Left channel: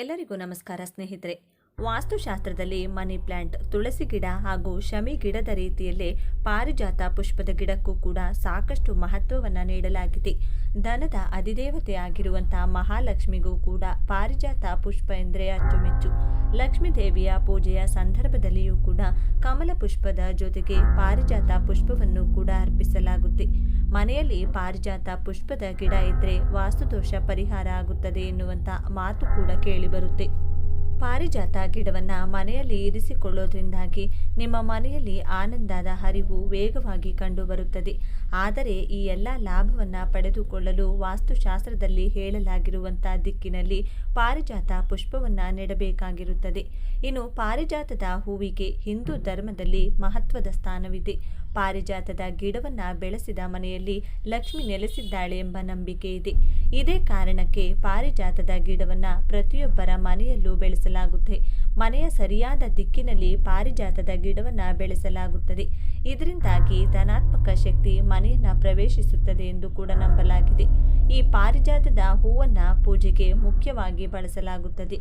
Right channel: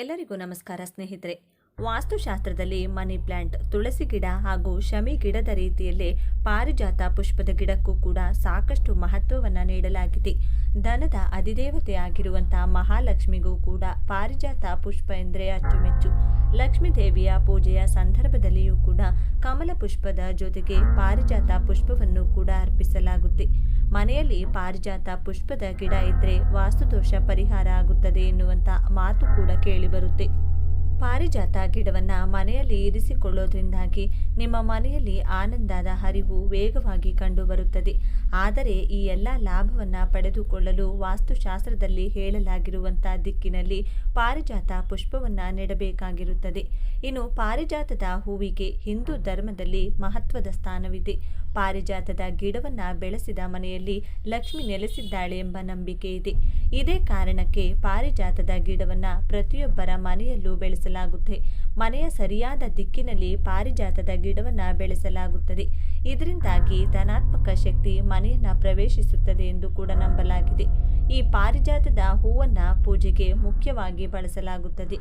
ಎಲ್ಲರಿಗೂ ನಮಸ್ಕಾರ ಸ್ನೇಹಿತರೆ. ವಾಸ್ತುಶಾಸ್ತ್ರದಲ್ಲಿ ಮನಿ ಪ್ಲಾಂಟ್, ತುಳಸಿ ಗಿಡ ಹಾಗೂ ಶಮಿ ಗಿಡದ ರೀತಿಯಲ್ಲೇ ಪಾರಿಜಾತ ಪುಷ್ಪದ ಗಿಡಕ್ಕೂ ಕೂಡ ಸಾಕಷ್ಟು ಮಹತ್ವವನ್ನು ನೀಡಲಾಗಿದೆ. ಧನದ ಅಧಿದೇವತೆಯಾಗಿರುವಂತಹ ಮಹಾಲಕ್ಷ್ಮಿಗೂ ಕೂಡ ಪಾರಿಜಾತ ಪುಷ್ಪ ಎಂದರೆ ಅಚ್ಚುಮೆಚ್ಚು. ಲಕ್ಷ್ಮೀ ದೇವಿಯ ಪೂಜೆಯ ಸಂದರ್ಭದಲ್ಲಿಯೂ ಕೂಡ ಕಮಲ ಪುಷ್ಪದ ಜೊತೆಗೆ ಪಾರಿಜಾತ ಪುಷ್ಪವನ್ನು ಕೂಡ ಅರ್ಪಿಸಲಾಗುತ್ತೆ. ಮನೆಯಲ್ಲಿ ಪಾರಿಜಾತ ಪುಷ್ಪದ ಗಿಡ ಇದ್ದರೆ ವಾಸ್ತುದೋಷ ಪರಿಹಾರ ಆಗುತ್ತದೆ ಎನ್ನುವಂಥ ಮಾತು ಕೂಡ ಕೇಳಿಬರುತ್ತೆ. ಪಾರಿಜಾತ ಗಿಡವನ್ನು ಮನೆಯಲ್ಲಿ ಇರಿಸಿಕೊಳ್ಳೋದ್ರಿಂದಾಗಿ ನಿಮ್ಮ ಮನೆಯಲ್ಲಿ ಆನಂದದ ಹರಿವು ವೇಗವಾಗಿ ಕಂಡುಬರುತ್ತದೆ. ಆದರೆ ಈ ಎಲ್ಲ ಲಾಭವನ್ನು ಪಡೆದುಕೊಳ್ಳಲು ವಾಸ್ತುಶಾಸ್ತ್ರದಲ್ಲಿ ಹೇಳಲಾಗಿರುವಂಥ ದಿಕ್ಕಿನಲ್ಲಿ ಪಾರಿಜಾತ ಪುಷ್ಪವನ್ನು ನೆಡಬೇಕಾಗಿರುತ್ತದೆ. ಇನ್ನು ಪಾರಿಜಾತದ ಹೂವಿಗೆ ಹಿಂದೂ ಧರ್ಮದಲ್ಲಿ ಮಹತ್ವದ ಸ್ಥಾನವಿದೆ. ಪಾರಿಜಾತದ ಗಿಡವನ್ನು ಬೆಳೆಸಿದ ಮನೆಯಲ್ಲಿ ಲಕ್ಷ್ಮಿ ನೆಲೆಸಿದ್ದಾಳೆ ಎಂಬ ನಂಬಿಕೆ ಇದೆ. ಇದೇ ಕಾರಣಕ್ಕೆ ಪಾರಿಜಾತದ ಗಿಡವನ್ನು ಪ್ರತಿಯೊಬ್ಬರ ಮನೆಯಲ್ಲೂ ಬೆಳೆಸಲಾಗುತ್ತೆ. ಮನೆಯ ಸರಿಯಾದ ದಿಕ್ಕಿನಲ್ಲಿ ಪಾರಿಜಾತದ ಗಿಡವನ್ನು ಬೆಳೆಸಲಾಗುತ್ತದೆ. ಇದರಿಂದಾಗಿ ಧನಾತ್ಮಕ ಶಕ್ತಿ ಮನೆಯನ್ನು ಪ್ರವೇಶಿಸುತ್ತದೆ ಎಂದು ಕೂಡ ನಂಬಲಾಗಿದೆ. ಈ ಪಾರಿಜಾತದ ಹೂವನ್ನು ಪೂಜೆಗೆ ಮುಖ್ಯವಾಗಿ ಬಳಸಲಾಗುತ್ತದೆ.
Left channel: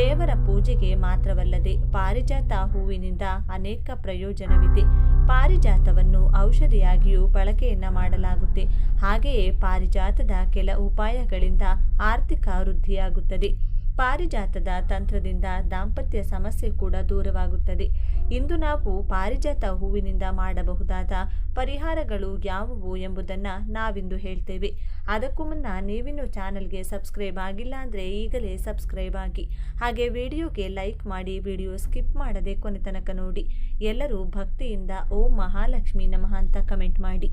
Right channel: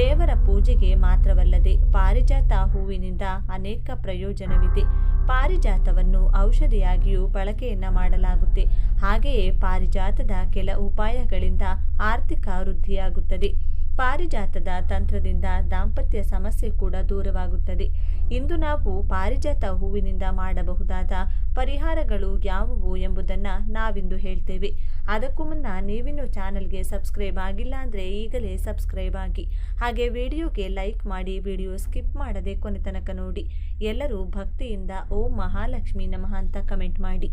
ದೇವರ ಪೂಜೆಗೆ ಮಾತ್ರವಲ್ಲದೆ ಪಾರಿಜಾತ ಹೂವಿನಿಂದ ಅನೇಕ ಪ್ರಯೋಜನವಿದೆ. ಪಾರಿಜಾತವನ್ನು ಔಷಧಿಯಾಗಿಯೂ ಬಳಕೆಯನ್ನ ಮಾಡಲಾಗುತ್ತೆ. ಹಾಗೆಯೇ ಪಾರಿಜಾತದ ಕೆಲ ಉಪಾಯಗಳಿಂದ ಆರ್ಥಿಕ ವೃದ್ಧಿಯಾಗುತ್ತದೆ. ಪಾರಿಜಾತದ ತಂತ್ರದಿಂದ ದಾಂಪತ್ಯ ಸಮಸ್ಯೆ ಕೂಡ ದೂರವಾಗುತ್ತದೆ. ಇಂದು ನಾವು ಪಾರಿಜಾತ ಹೂವಿನಿಂದ ಮಾಡಬಹುದಾದ ಪರಿಹಾರಗಳು ಯಾವುವು ಎಂಬುದನ್ನು ನಾವಿಂದು ಹೇಳ್ತೇವೆ. ಅದಕ್ಕೂ ಮುನ್ನ ನೀವಿನ್ನೂ ಚಾನಲ್ಗೆ ಸಬ್ಸ್ಕ್ರೈಬ್ ಆಗಿಲ್ಲ ಅಂದರೆ ಈಗಲೇ ಸಬ್ಸ್ಕ್ರೈಬ್ ಆಗಿ, ಹಾಗೆ ವಿಡಿಯೋಗೆ ಲೈಕ್ ಮಾಡಿ, ವಿಡಿಯೋ ಸ್ಕಿಪ್ ಮಾಡದೆ ಕೊನೆ ತನಕ ನೋಡಿ. ಎಲ್ಲರೂ ಭಕ್ತಿಯಿಂದ ಓಂ ಮಹಾಲಕ್ಷ್ಮಿ ನಮಃ ಅಂತ ಕಮೆಂಟ್ ಮಾಡಿ.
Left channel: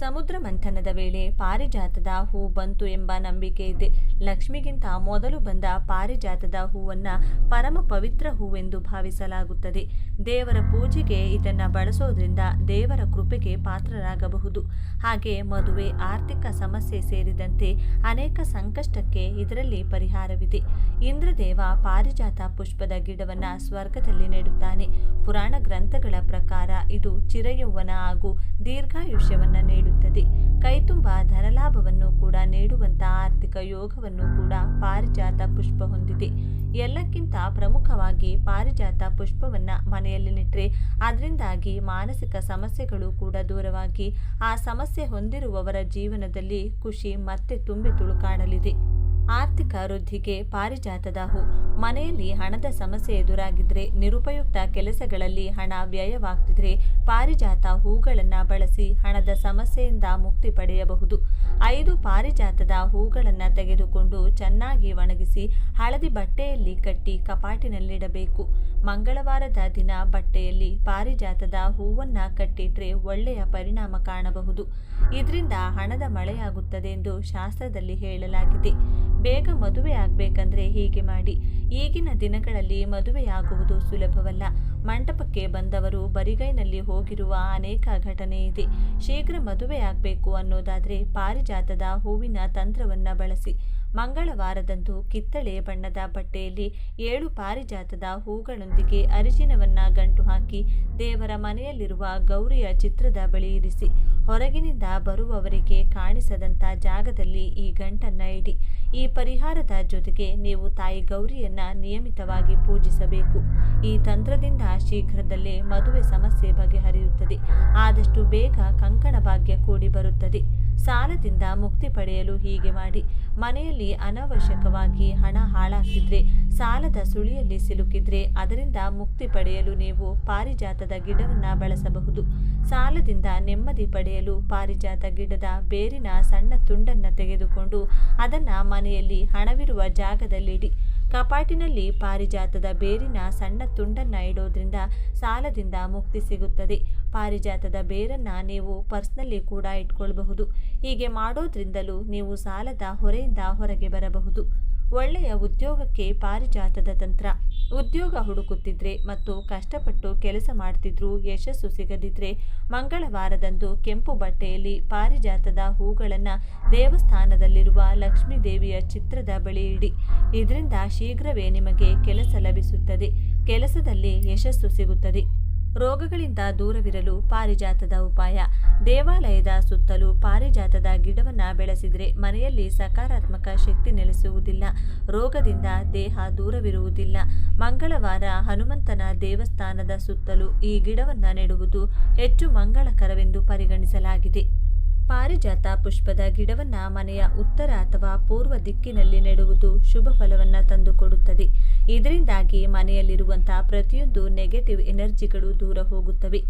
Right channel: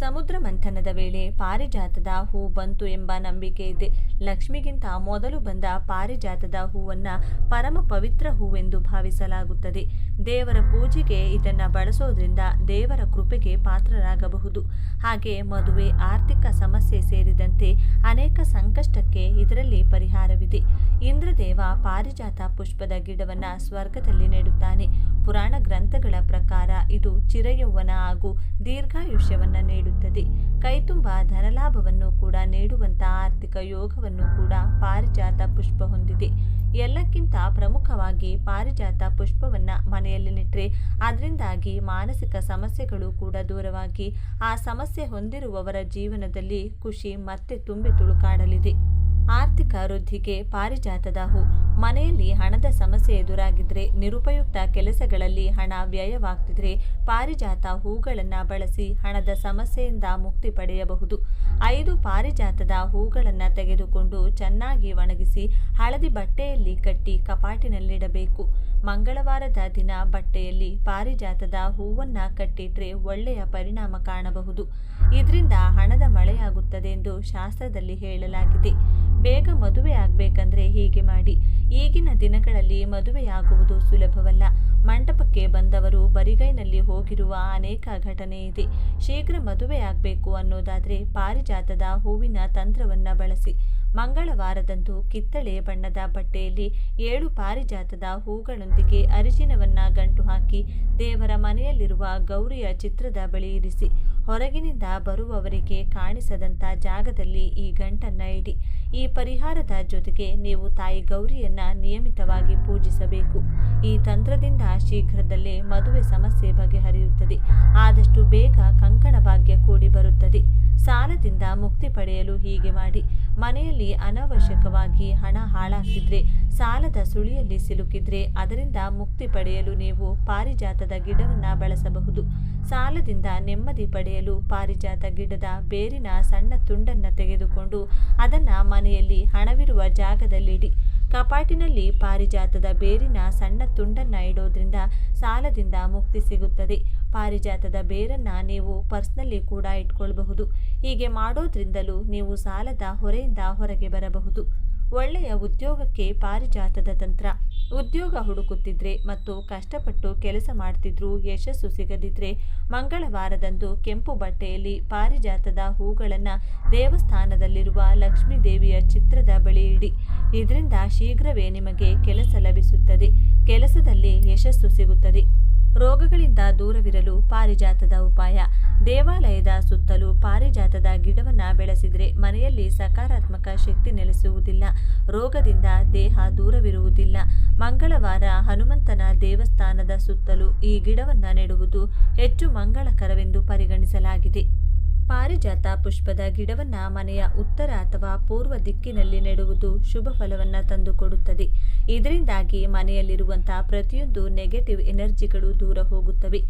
ಸಮುದ್ರ ಮಂಥನದ ವೇಳೆ ಪಾರಿಜಾತದ ಹೂ ಬಂತು ಎಂಬ ನಂಬಿಕೆ ಇದೆ. ಲಕ್ಷ್ಮಿಗಿಂತ ಮೊದಲು ಬಂದ ಪಾರಿಜಾತದ ಹೂವನ್ನು ಪರಮ ಪವಿತ್ರ ಹೂವೆಂದು ಭಾವಿಸಲಾಗುತ್ತದೆ. ದೇವರ ಪೂಜೆಗೆ ಇದನ್ನು ಬಳಸೋದ್ರಿಂದ ದೇವರ ಕೃಪೆಗೆ ಪಾತ್ರರಾಗಬಹುದು. ಹಾಗೆ ಮದುವೆ, ಆರ್ಥಿಕ ಸಮಸ್ಯೆ ಸೇರಿದಂತೆ ಅನೇಕ ಸಂಕಷ್ಟಕ್ಕೆ ಇದರಲ್ಲಿ ಪರಿಹಾರವಿದೆ. ಇಂದ್ರದೇವ ಪಾರಿಜಾತ ಪುಷ್ಪದ ಗಿಡವನ್ನು ಸ್ವರ್ಗದಲ್ಲಿ ನೆಡುತ್ತಾನೆ. ಪುರಾಣ ಗ್ರಂಥಗಳ ಪ್ರಕಾರ ಇದು ಚಿರಯೌವನ ಹಾಗೂ ದೀರ್ಘಾಯುಷ್ಯವನ್ನು ನೀಡುತ್ತದೆ. ಕೈತುಂಬ ಧನಲಾಭವನ್ನು ಕೂಡ ನೀಡುವಂತಹ ಆರ್ಥಿಕ ಯೋಗವನ್ನು ಕೂಡ ಪಾರಿಜಾತ ಪುಷ್ಪ ಹೊಂದಿದೆ. ಎಲ್ಲಕ್ಕಿಂತ ಪ್ರಮುಖವಾಗಿ ಪಾರಿಜಾತ ಪುಷ್ಪವನ್ನು ಮನೆಯಲ್ಲಿ ನೆಟ್ಟರೆ ಅದರಿಂದಾಗಿ ಮಾನಸಿಕ ಸಮಸ್ಯೆಗಳು ಕೂಡ ದೂರವಾಗಿ ಆ ಸಮಸ್ಯೆ ಹೊಂದಿರುವವರ ಜೀವನದಲ್ಲಿ ಖುಷಿ ಮತ್ತೆ ತುಂಬಿ ತುಳುಕಾಡಲಿದೆ. ಆರ್ಥಿಕ ವೃದ್ಧಿಗೆ ಪಾರಿಜಾತದ ಹೂ. ಮನೆಯಲ್ಲಿ ಹಣದ ಸಮಸ್ಯೆ ಎದುರಾಗಿದ್ದರೆ, ನಿರುಪಯುಕ್ತ ಕೆಲಸಗಳಲ್ಲಿ ಹಣ ವ್ಯಯವಾಗ್ತಿದ್ರೆ ಪಾರಿಜಾತ ಹೂಗಳನ್ನು ಬಳಸಿ ಹಣದ ಸಮಸ್ಯೆಯಿಂದ ಮುಕ್ತಿ ಪಡೆಯಬಹುದು. 5 ಪಾರಿಜಾತದ ಹೂಗಳನ್ನು ತೆಗೆದುಕೊಂಡು ಚೆನ್ನಾಗಿ ಒಣಗಿಸಿ ಹಳದಿ ಬಟ್ಟೆಯಲ್ಲಿ ಕಟ್ಟಿ ಕಪಾಟಿನಲ್ಲಿಡಬೇಕು. ಮಂಗಳವಾರದ ದಿನ ಬಟ್ಟೆಯಲ್ಲಿ ಪಾರಿಜಾತದ ಹೂವನ್ನು ಕಟ್ಟಿಟ್ರೆ ಒಳ್ಳೆಯ ಪರಿಣಾಮ ಕಾಣಬಹುದು. ಇದರಿಂದ ಹಣದ ಮಳೆಯಾಗುತ್ತದೆ ಎಂದು ಶಾಸ್ತ್ರದಲ್ಲಿ ಹೇಳಲಾಗಿದೆ. ಬೇಗ ಮದುವೆ ಆಗಬೇಕಂದ್ರೆ ಹೀಗೆ ಮಾಡಿ. ಈಗಿನ ದಿನಗಳಲ್ಲಿ ಮದುವೆಯಾಗುವುದು ಸುಲಭವಲ್ಲ. ಮಂಟಪಕ್ಕೆ ಬಂದವರು ಬರಿಗೈನಲ್ಲಿ ಹೋಗಿರುವ ಅನೇಕ ಘಟನೆ ಇದೆ. ಶೀಘ್ರ ಮದುವೆಯಾಗಬೇಕು ಅನ್ನೋದಾದರೆ ಪಾರಿಜಾತದ ಹೂವಿನ ತಂತ್ರವನ್ನು ಬಳಸಿ. ಮಂಗಳವಾರದಂದು ಕಿತ್ತಳೆ ಬಣ್ಣದ ಬಟ್ಟೆಯಲ್ಲಿ 7 ಪಾರಿಜಾತದ ಹೂಗಳೊಂದಿಗೆ ಅರಿಶಿನವನ್ನು ಗಂಟು ಹಾಕಿ ದೇವರ ಮನೆಯಲ್ಲಿರುವ ಗೌರಿಯ ಚಿತ್ರದ ಬಳಿ ಇರಿಸಿ. ಹೊರಗಿನಿಂದ ಬರುವವರಿಗೆ ಕಾಣಿಸದಂಥ ಜಾಗದಲ್ಲಿ ಈ ಗಂಟನ್ನು ಇಡಿ. ಈ ಪರಿಹಾರದ ಜೊತೆಗೆ ನೀವು ತಾಯಿ ಗೌರಿಯನ್ನ ನಿಯಮಿತವಾಗಿ ಪೂಜಿಸಬೇಕು. ಈ ತಂತ್ರದಿಂದ ಶೀಘ್ರದಲ್ಲೇ ಮದುವೆ ಸಮಸ್ಯೆ ಬಗೆಹರಿಯುತ್ತದೆ. ಆದಷ್ಟು ಬೇಗ ಕಂಕಣ ಭಾಗ್ಯ ಕೂಡಿ ಬರುತ್ತದೆ. ಸಾಲದಿಂದ ಮುಕ್ತಿ ಪಡೆಯಲು ಹೀಗೆ ಮಾಡಿ. ಮನೆಯಲ್ಲಿ ಅನವಶ್ಯಕವಾಗಿ ಹಣ ಹಾಳಾಗ್ತಿದ್ರೆ, ಸಾಲದ ಸುಳಿಯಲ್ಲಿ ಸಿಲುಕಿದ್ರೆ ಅದರಿಂದ ಮುಕ್ತಿ ಪಡೆಯಲು ನೀವು ಪಾರಿಜಾತದ ಗಿಡವನ್ನು ಬಳಸಬಹುದು. ಸಾಲದಿಂದ ನೆಮ್ಮದಿ ಪಡೆಯಲು ಪಾರಿಜಾತ ಗಿಡದ ಬೇರಿನ ಸಣ್ಣ ತುಂಡನ್ನು ತೆಗೆದುಕೊಂಡು ಅದನ್ನು ಮನೆಯಲ್ಲಿ ಹಣವಿರುವ ಜಾಗದಲ್ಲಿಡಿ. ಕಪಾಟಿನಲ್ಲಿ ಪಾರಿಜಾತದ ಬೇರಿನ ಸಣ್ಣ ತುಂಡನ್ನು ಇಡೋದ್ರಿಂದ ಸಾಲದಿಂದ ಮುಕ್ತಿ ಸಿಗುತ್ತದೆ. ಪಾರಿಜಾತದ ಬೇರನ್ನು ನೀವು ಪರ್ಸ್ನಲ್ಲಿ ಕೂಡ ಇಟ್ಕೊಳ್ಬಹುದು. ಹೀಗೆ ಮಾಡೋದ್ರಿಂದಲೂ ನೀವು ಸಾಲದ ಹೊರೆಯಿಂದ ಹೊರಗೆ ಬರಬಹುದು. ಒಳ್ಳೆಯ ಉದ್ಯೋಗಕ್ಕೆ ಪಾರಿಜಾತದ ತಂತ್ರ. ಉದ್ಯೋಗ ಹುಡುಕುತ್ತಿದ್ರೆ ಮತ್ತು ಕಷ್ಟಪಟ್ಟು ಕೆಲಸ ಮಾಡ್ತಿದ್ರೂ ಯಶಸ್ಸು ಸಿಗದಿದ್ರೆ ಮಂಗಳವಾರದಂದು ಕೆಂಪು ಬಟ್ಟೆಯಲ್ಲಿ ಪಾರಿಜಾತದ ಹೂಗಳನ್ನು ದೇವಸ್ಥಾನದಲ್ಲಿರುವ ಲಕ್ಷ್ಮೀ ದೇವಿಯ ಚಿತ್ರದ ಬಳಿ ಇಡಿ. ಇದರಿಂದ ಶೀಘ್ರವೇ ನಿಮಗೆ ಕೆಲಸ ಲಭಿಸುತ್ತದೆ. ಕೆಲಸದಲ್ಲಿ ಯಶಸ್ಸು ಸಿಗುತ್ತದೆ. ರೋಗಗಳಿಂದ ದೂರವಿರಲು ಪಾರಿಜಾತದ ಉಪಾಯ. ದೇವಾಲಯದ ಸುತ್ತಲೂ ಪಾರಿಜಾತದ ಗಿಡವನ್ನು ಬೆಳೆಸಿದರೆ ಮನೆಯಲ್ಲಿ ಸಕಾರಾತ್ಮಕ ಶಕ್ತಿ ನೆಲೆಸುವುದಿಲ್ಲ, ರೋಗದಿಂದ ದೇಹ ದೂರವಿರುವುದಿಲ್ಲ. ಮಂಗಳವಾರ ಹನುಮಂತನ ದೇವಸ್ಥಾನದ ಸುತ್ತಲೂ ಈ ಗಿಡವನ್ನು ನೆಡುವುದು ಹೆಚ್ಚು ಮಂಗಳಕರವೆಂದು ಪರಿಗಣಿಸಲಾಗಿದೆ. ಪಾರಿಜಾತ ಪುಷ್ಪದ ಗಿಡವನ್ನು ಮನೆಯ ಉತ್ತರ ಅಥವಾ ಪೂರ್ವ ದಿಕ್ಕಿನಲ್ಲಿ ನೆಡುವುದು ಶುಭ ಫಲವನ್ನು ತಂದುಕೊಡುತ್ತದೆ. ಇದರಿಂದಾಗಿ ಮನೆಯಲ್ಲಿರುವಂತಹ ಪ್ರತಿಯೊಂದು ನೆಗೆಟಿವ್ ಎನರ್ಜಿಗಳು ದೂರ ಹೋಗುತ್ತವೆ.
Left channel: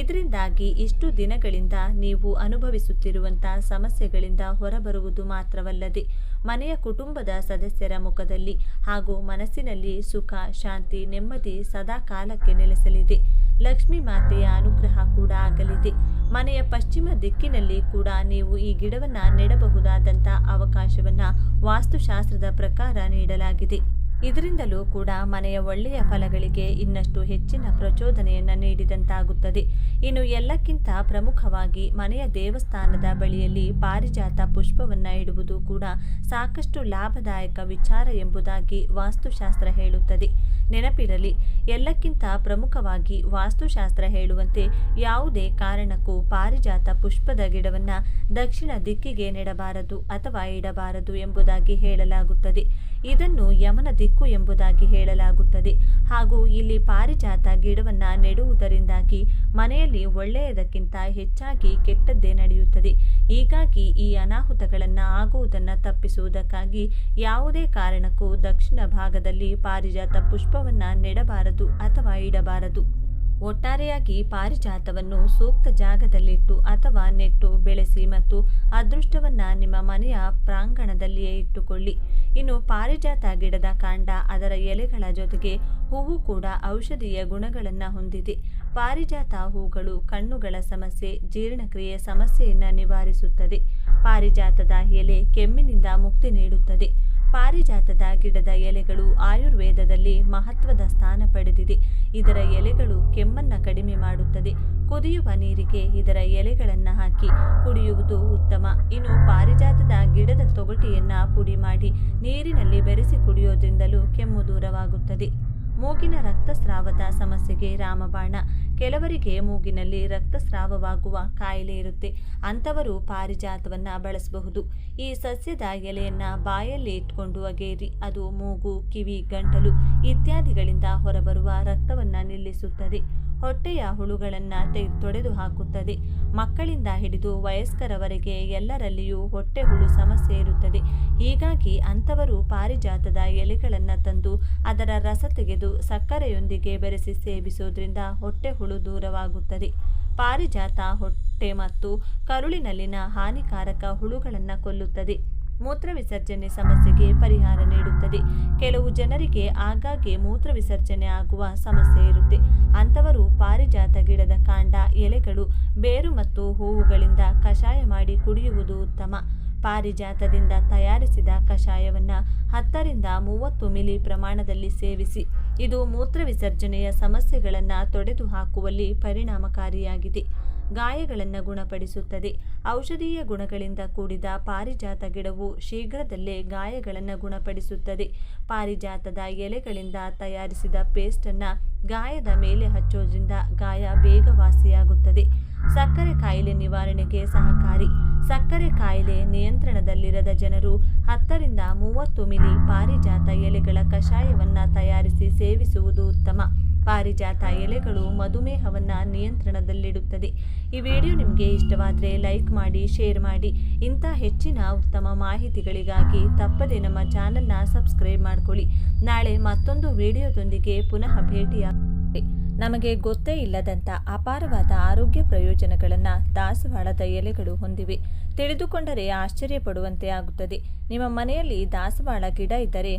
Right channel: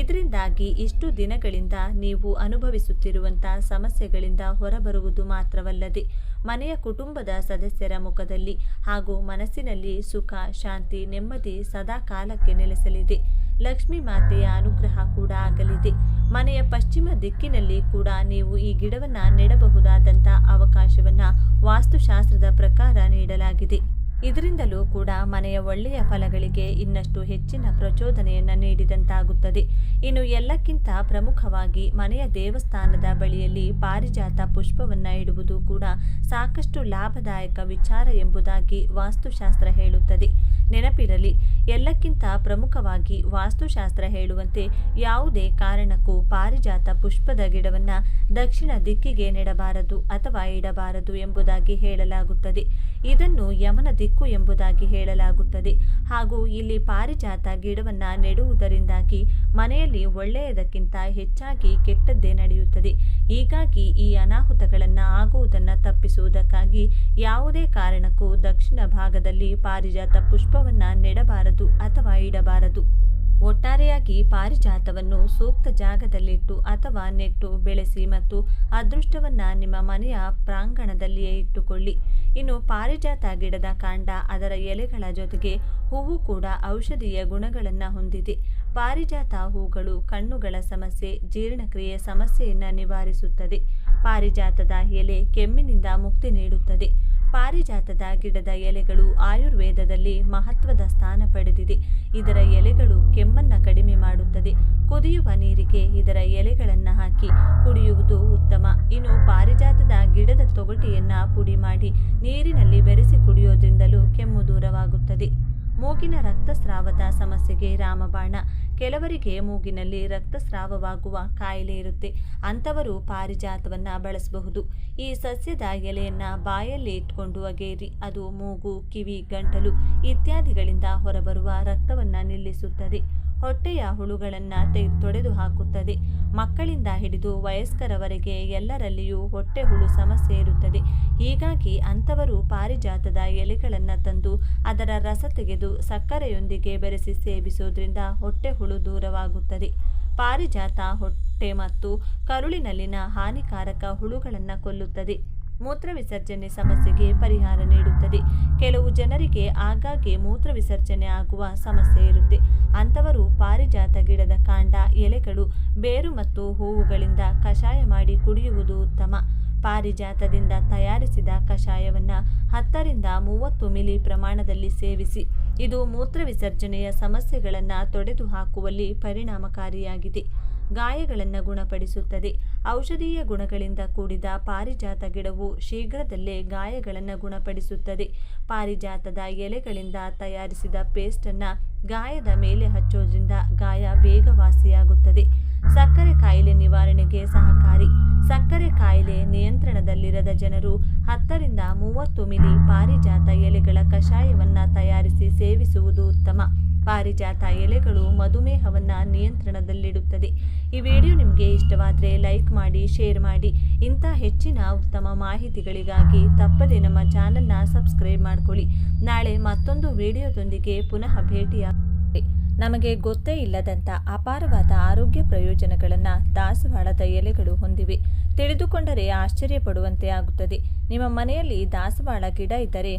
ಇದರಿಂದಾಗಿ ಇಷ್ಟು ದಿನಗಳಿಂದ ನೀವು ಅನುಭವಿಸುತ್ತಿರುವಂತಹ ಸಮಸ್ಯೆಗಳಿಂದ ಹೊರಬರುವುದು ಮಾತ್ರವಲ್ಲದೆ ಮನೆಯ ಕುಟುಂಬದ ಸದಸ್ಯರ ಮುಖದಲ್ಲಿ ಹಾಗೂ ಮನಸ್ಸಿನಲ್ಲಿ ಸುಖ, ಶಾಂತಿ, ನೆಮ್ಮದಿ ಸದಾ ಕಾಲಕ್ಕೆ ನೆಲೆಸಲಿದೆ. ಲಕ್ಷ್ಮೀ ಮಾತೆಯ ಅನುಗ್ರಹ ಕೂಡ ಆಗಲಿದೆ. ಮನೆಯ ಪಶ್ಚಿಮ ದಿಕ್ಕಿನಲ್ಲಿ ಕೂಡ ನೀವು ಈ ಗಿಡವನ್ನು ನೆಡಬಹುದಾದಂಥ ಅವಕಾಶವನ್ನು ವಾಸ್ತುಶಾಸ್ತ್ರದ ಪ್ರಕಾರ ನೀಡಲಾಗಿದೆ. ಇದರಿಂದಲೂ ಕೂಡ ಮನೆಯ ಒಳ್ಳೆಯ ಫಲಗಳಿಗೆ ಇನ್ನಷ್ಟು ಹೆಚ್ಚಿನ ಪ್ರಚೋದನೆಯನ್ನು ನೀಡಿದಂತಾಗುತ್ತದೆ. ಇನ್ನು ಎಲ್ಲಕ್ಕಿಂತ ಪ್ರಮುಖವಾಗಿ ಮನೆಯ ದೇವಸ್ಥಾನದ ಬಳಿಯಲ್ಲಿ ಪಾರಿಜಾತ ಪುಷ್ಪವನ್ನು ಇಡುವುದು ಕೂಡ ಸಾಕಷ್ಟು ಲಾಭದಾಯಕ ವಿಚಾರ ಎಂಬುದಾಗಿ ವಾಸ್ತುಶಾಸ್ತ್ರ ಹೇಳುತ್ತದೆ. ನೆನಪಿರಲಿ, ಎಲ್ಲಕ್ಕಿಂತ ಪ್ರಮುಖವಾಗಿ ವಾಸ್ತುಶಾಸ್ತ್ರ ಹೇಳುವಂತೆ ಯಾವುದೇ ಕಾರಣಕ್ಕೂ ಪಾರಿಜಾತ ಪುಷ್ಪದ ಗಿಡವನ್ನು ದಕ್ಷಿಣ ದಿಕ್ಕಿಗೆ ನೆಡಬಾರದು ಅಥವಾ ಇಡಬಾರದು ಎಂಬುದಾಗಿ ಹೇಳಲಾಗುತ್ತದೆ. ಇದನ್ನು ಯಮನ ದಿಕ್ಕು ಎಂಬುದಾಗಿ ಹೇಳಲಾಗುತ್ತದೆ. ಹಾಗೂ ಇಲ್ಲಿ ಪಾರಿಜಾತ ಗಿಡವನ್ನು ನೆಡುವುದರಿಂದಾಗಿ ಮನೆಯಲ್ಲಿ ಒಳ್ಳೆಯದಕ್ಕಿಂತ ಹೆಚ್ಚಾಗಿ ಕೆಟ್ಟದ್ದೇ ನಡೆಯುತ್ತದೆ. ಹೀಗಾಗಿ ಈ ಅನಾಹುತಗಳನ್ನು ಆಗುವುದನ್ನು ತಪ್ಪಿಸುವುದಕ್ಕಾಗಿ ಯಾವುದೇ ಕಾರಣಕ್ಕೂ ದಕ್ಷಿಣ ಭಾಗದಲ್ಲಿ ಪಾರಿಜಾತ ಪುಷ್ಪವನ್ನು ನೆಡಬಾರದು ಅಥವಾ ಇಡಬಾರದು. ಒಟ್ಟಾರೆಯಾಗಿ ಪಾರಿಜಾತವನ್ನು ಸೂಕ್ತ ಜಾಗದಲ್ಲಿಟ್ಟು ಅಥವಾ ನೆಟ್ಟು ಬೆಳೆಸಿ ಮತ್ತು ಅದೃಷ್ಟವನ್ನು ನಿಮ್ಮ ಮನೆಯ ಪ್ರಾಂಗಣದಲ್ಲಿಯೇ ಇಟ್ಟುಕೊಳ್ಳಿ. ಇನ್ನು ಪಾರಿಜಾತ ಗಿಡದ ಕಾಂಡ, ಅದರ ಎಲೆಗಳ ಜೊತೆಗೆ ಹೂವು ಕೂಡ ಔಷಧೀಯ ಗುಣಗಳನ್ನು ಹೊಂದಿದೆ. ಪಾರಿಜಾತ ಹೂಗಳು ಕಣ್ಣುಗಳ ಸಮಸ್ಯೆ, ಜೀರ್ಣಕ್ರಿಯೆ ಸಮಸ್ಯೆಯನ್ನು ನಿವಾರಿಸುತ್ತದೆ. ಪಾರಿಜಾತದ ಎಲೆ ಕೆಮ್ಮಿನಿಂದ ಮುಕ್ತಿ ನೀಡುತ್ತದೆ. ಪಾರಿಜಾತದ ಗಿಡದ ಎಲೆಗಳು ಆಯುರ್ವೇದದಲ್ಲಿ ಮಹತ್ವದ ಸ್ಥಾನ ಪಡೆದಿದೆ. ಇದರ ಎಲೆಗಳು ಕೆಮ್ಮನ್ನು ಕಡಿಮೆ ಮಾಡುತ್ತದೆ. ಕುದಿಯುವ ನೀರಿಗೆ ಇದರ ಎಲೆಗಳನ್ನು ಹಾಕಿ ಕುಡಿಯುವುದು ಉತ್ತಮ. ಇನ್ನು ಪಾರಿಜಾತದ ಗಿಡದ ತೊಗಟೆಯನ್ನು ಪುಡಿ ಮಾಡಿ ನೀರಿನಲ್ಲಿ ಬೆರೆಸಿ ಕುಡಿಯೋದ್ರಿಂದಲೂ ಕೆಮ್ಮು ದೂರವಾಗುತ್ತದೆ. ಮೂಗಿನ ರಕ್ತಸ್ರಾವದ ಸಮಸ್ಯೆಗೆ ರಾಮಬಾಣ. ಕೆಲವರಿಗೆ ಮೂಗಿನಲ್ಲಿ ರಕ್ತಸ್ರಾವವಾಗುವ ಕಾಯಿಲೆ ಇರುತ್ತೆ. ಅಂಥವರು ಪಾರಿಜಾತವನ್ನು ಬಳಸಬಹುದು. ಈ ಸಸ್ಯದ ಎಲೆಯನ್ನು ಬಾಯಲ್ಲಿ ಇಟ್ಕೊಂಡು ಅಗೇರಿ ಅದು ಮೂಗು, ಕಿವಿ, ಗಂಟಲು ಇತ್ಯಾದಿಗಳಿಂದ ಹೊರಬರುವ ರಕ್ತವನ್ನು ನಿಲ್ಲಿಸುತ್ತದೆ. ಹೊಟ್ಟೆಯ ಹುಳುಗಳನ್ನು ತೊಡೆದು ಹಾಕುತ್ತದೆ. ಮಕ್ಕಳಿಂದ ಹಿಡಿದು ವಯಸ್ಕರವರೆಗೆ ಎಲ್ಲರಲ್ಲಿಯೂ ಹೊಟ್ಟೆ ಹುಳು ಸಮಸ್ಯೆ ಇರುತ್ತದೆ. ಹೀಗಾಗಿ ಅಂಥವರು ಪಾರಿಜಾತದ ಎಲೆಗಳನ್ನು ತಂದು ಅದರ ರಸ ತೆಗೆದು ಸಕ್ಕರೆಯೊಂದಿಗೆ ಬೆರೆಸಿ ಸೇವಿಸೋದ್ರಿಂದ ಹೊಟ್ಟೆ ಹುಳು ದೂರವಾಗುತ್ತದೆ. ಪಾರಿಜಾತ ಹೊಟ್ಟೆ ಮತ್ತು ಕರುಳಿನಲ್ಲಿನ ಹಾನಿಕಾರಕ ಹುಳುಗಳನ್ನು ಕೊಲ್ಲುತ್ತದೆ. ಮೂತ್ರ ವಿಸರ್ಜನೆ ಸಮಸ್ಯೆಗೆ ಪರಿಹಾರ ನೀಡುತ್ತದೆ. ಕೆಲವು ಜನರಿಗೆ ಆಗಾಗ್ಗೆ ಮೂತ್ರ ವಿಸರ್ಜನೆ ಆಗುವ ಸಮಸ್ಯೆ ಇರುತ್ತೆ. ಅಂಥವರು ಪಾರಿಜಾತ ಗಿಡದ ಕಾಂಡ, ಎಲೆಗಳು, ಬೇರು ಮತ್ತು ಹೂವುಗಳಿಂದ ಕಷಾಯ ಮಾಡಿ ಕುಡಿಯುವುದು ಉತ್ತಮ. ಪಾರಿಜಾತದಿಂದ ತಯಾರಿಸಿದ ಕಷಾಯವನ್ನು 10 ರಿಂದ 30 ಮಿಲಿ ಪ್ರಮಾಣದಲ್ಲಿ ಸೇವಿಸಿ. ಇದು ಮೂತ್ರ ವಿಸರ್ಜನೆಯ ಸಮಸ್ಯೆಗಳನ್ನು ತೊಡೆದು ಹಾಕುವಲ್ಲಿ ಪರಿಣಾಮಕಾರಿಯಾಗಿದೆ. ಗಾಯಗಳನ್ನು ಗುಣಪಡಿಸುತ್ತದೆ. ಔಷಧೀಯ ಗುಣಗಳಿಂದ ಕೂಡಿದ ಪಾರಿಜಾತ ಗಿಡವು ಶೀಘ್ರದಲ್ಲೇ ಗಾಯಗಳನ್ನು ಗುಣಪಡಿಸುತ್ತದೆ. ಪಾರಿಜಾತದ ಎಲೆಗಳಿಂದ ತಯಾರಿಸಿದ ಪೇಸ್ಟನ್ನು ಗಾಯದ ಮೇಲೆ ಹಚ್ಚೋದ್ರಿಂದ ಗಾಯ ಬೇಗ ವಾಸಿಯಾಗುತ್ತದೆ. ಸಕ್ಕರೆ ಕಾಯಿಲೆ ನಿವಾರಣೆಗೆ ಸಹಕಾರಿ. ಸಕ್ಕರೆ ಕಾಯಿಲೆ ನಿಯಂತ್ರಣದಲ್ಲಿರದ ಜನರು 10 ರಿಂದ 30 ಮಿಲಿ ಪಾರಿಜಾತ ಎಲೆಗಳ ಕಷಾಯವನ್ನು ತಯಾರಿಸಿ ಸೇವಿಸುವುದು ಉತ್ತಮ. ಪಾರಿಜಾತ ಎಲೆಗಳು ಮಧುಮೇಹವನ್ನು ನಿಯಂತ್ರಣದಲ್ಲಿಡುತ್ತದೆ. ಈ ವಿಡಿಯೋ ನಿಮಗೆ ಇಷ್ಟವಾದರೆ ಲೈಕ್ ಮಾಡಿ, ಶೇರ್ ಮಾಡಿ. ಇಂಥ ಹೆಚ್ಚಿನ ಉತ್ತಮ ಮಾಹಿತಿಗಳಿಗಾಗಿ ತಪ್ಪದೆ ನಮ್ಮ ಚಾನಲ್ನ ಸಬ್ಸ್ಕ್ರೈಬ್ ಮಾಡ್ಕೊಳ್ಳಿ. ನಾಳೆ ಮತ್ತೊಂದು ವಿಡಿಯೋದೊಂದಿಗೆ ಪುನಃ ಭೇಟಿಯಾಗುತ್ತೇವೆ. ನಮಗೆ ಗೊತ್ತೇ ಇಲ್ಲದಂಥ ಅಪಾರವಾದ ಆರೋಗ್ಯ ಪ್ರಯೋಜನಗಳನ್ನು ದಾಸವಾಳದ ಎಲೆಗಳು ಹೊಂದಿವೆ. ತಿಳಿದುಕೊಂಡರೆ ಆಶ್ಚರ್ಯಪಡುವಂತೆ ಆಗುತ್ತದೆ. ನಿಮ್ಮ ಮನೆಯಲ್ಲಿ ದಾಸವಾಳ ಗಿಡ ಇದ್ದರೆ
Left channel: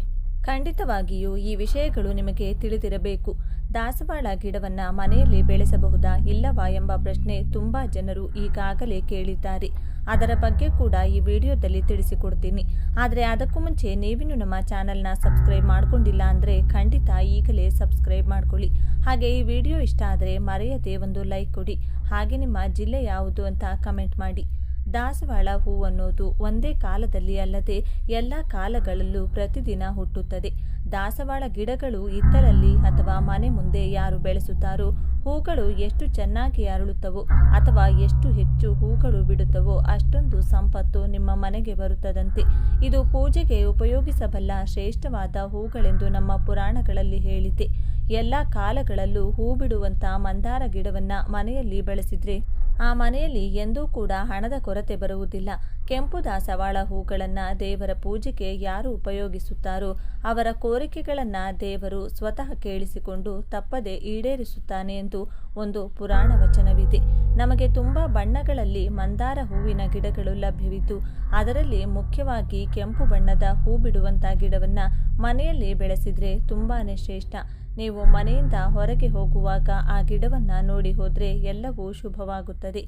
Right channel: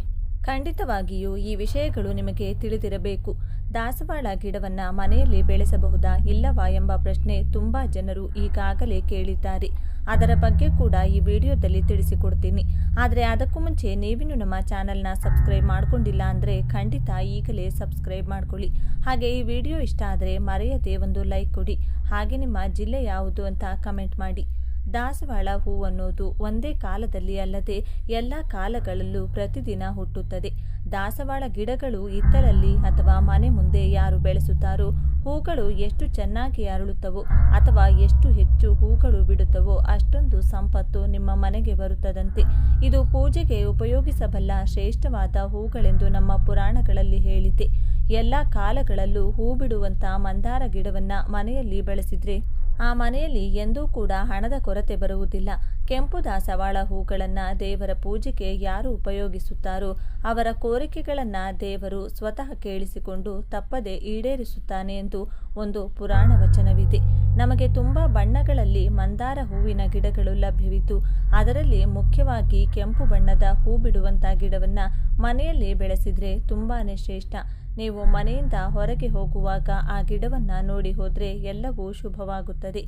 ಖಂಡಿತವಾಗಿಯೂ ಈ ವಿಷಯಗಳು ನಿಮಗೆ ತಿಳಿದಿರಬೇಕು. ದಾಸವಾಳ ಗಿಡವನ್ನು ಮನೆಯಲ್ಲಿ ಬೆಳೆಸಬಹುದಾ ಇಲ್ಲವಾ ಎಂಬ ಪ್ರಶ್ನೆ ತುಂಬ ಜನರು ಈಗಾಗಲೇ ಕೇಳಿದ್ದಾರೆ. ಅದರ ಬಗ್ಗೆ ಕೂಡ ಈ ವಿಡಿಯೋದಲ್ಲಿ ತಿಳಿಸಿಕೊಡ್ತೀನಿ. ಆದರೆ ಅದಕ್ಕೂ ಮುಂಚೆ ನೀವಿನ್ನೂ ನಮ್ಮ ಚಾನಲ್ನ ಸಬ್ಸ್ಕ್ರೈಬ್ ಮಾಡ್ಕೊಂಡಿಲ್ಲ ಅಂದರೆ ಖಂಡಿತ ಈಗಲೇ ಸಬ್ಸ್ಕ್ರೈಬ್ ಮಾಡ್ಕೊಳ್ಳಿ. ಹಾಗೆ ಈ ವಿಡಿಯೋ ಇಷ್ಟ ಆದರೆ ಮರೆಯದೆ ಒಂದು ಲೈಕ್ ಕೊಡಿ. ಹಾಗೆ ನಿಮ್ಮ ಜಿಲ್ಲೆ ಯಾವುದು ಅಂತ ಕಮೆಂಟ್ ಮಾಡಿ. ದಾಸವಾಳ ಹೂವನ್ನೋದು ಒಂದೇ ಕಾಲದಲ್ಲಿ ಅಲ್ಲದೆ ಎಲ್ಲ ಕಾಲಗಳಲ್ಲೂ ಪ್ರತಿದಿನ ಹುಟ್ಟುತ್ತದೆ. ದಾಸವಾಳ ಗಿಡಗಳು ಇತ್ತಲಲ್ಲಿ ಅಥವಾ ಮನೆ ಮುಂದೆ ಯಾರು ಬೆಳೆಸುತ್ತಾರೋ ಹೂಗಳು ಎಷ್ಟು ಚೆನ್ನಾಗಿ ಅರಳುತ್ತವೋ ಅಥವಾ ಎಷ್ಟು ಹೆಚ್ಚು ಹೂಗಳು ಬಿಡುತ್ತವೋ ಅಷ್ಟೊಂದು ಸಂಪತ್ತು ನಿಮ್ಮ ಮನೆಗೆ ಬರುತ್ತದಂತೆ. ಇದು ಪೂಜೆಗೆ ಉಪಯೋಗಿಸಬಲ್ಲ ಶ್ರೇಷ್ಠವಾದ ಹೂಗಳೆಂದು ನಮ್ಮ ಪುರಾಣಗಳಲ್ಲಿ ಹೇಳಿದೆ. ಎಲ್ಲ ಕಾಲಗಳಲ್ಲೂ ಹೂ ಬಿಡುವಂಥ ಮಂದಾರ ಗಿಡವನ್ನು ಮನೆಯಲ್ಲಿ ಬೆಳೆಸಿದ್ರೆ ಆ ಮನೆಯಲ್ಲಿ ಎಂದೂ ಕೂಡ ಹಣದ ಕೊರತೆ ಬರುವುದಿಲ್ಲ. ಕೆಂಪು ದಾಸವಾಳ ಹೂಗಳನ್ನು ದೇವರ ಪೂಜೆಗೆ ಯಾರು ಉಪಯೋಗಿಸುತ್ತಾರೋ ಅವರ ಕೋರಿಕೆಗಳನ್ನು ದೇವರು ಸ್ವತಃ ಕೇಳಿಸಿಕೊಂಡು ತಪ್ಪದೆ ಈಡೇರಿಸುತ್ತಾನೆ ಎಂದು ಒಂದು ಪುರಾಣ ವಚನವಿದೆ. ನಮಗೆ ತುಂಬ ಬಣ್ಣಗಳಲ್ಲಿ ಮಂದಾರ ಹೂವಿನ ಗಿಡಗಳು ಲಭ್ಯವಿದ್ದು ಅದರಲ್ಲಿ ಮುಖ್ಯವಾಗಿ ಕೆಂಪು ಬಣ್ಣದ ಹೂ ಬಿಡುವಂಥ ಗಿಡವನ್ನು ಮನೆಯಲ್ಲಿ ಬೆಳೆಸಿದರೆ ತುಂಬಾ ಶ್ರೇಷ್ಠ. ನೀವು ಮನೆಯಿಂದ ಹೊರಗೆ ಹೋಗುವಾಗ ಆ ಗಿಡವನ್ನು ನೋಡಿ ಹೋದರೆ ಎಲ್ಲವೂ ಶುಭವಾಗುತ್ತದೆ.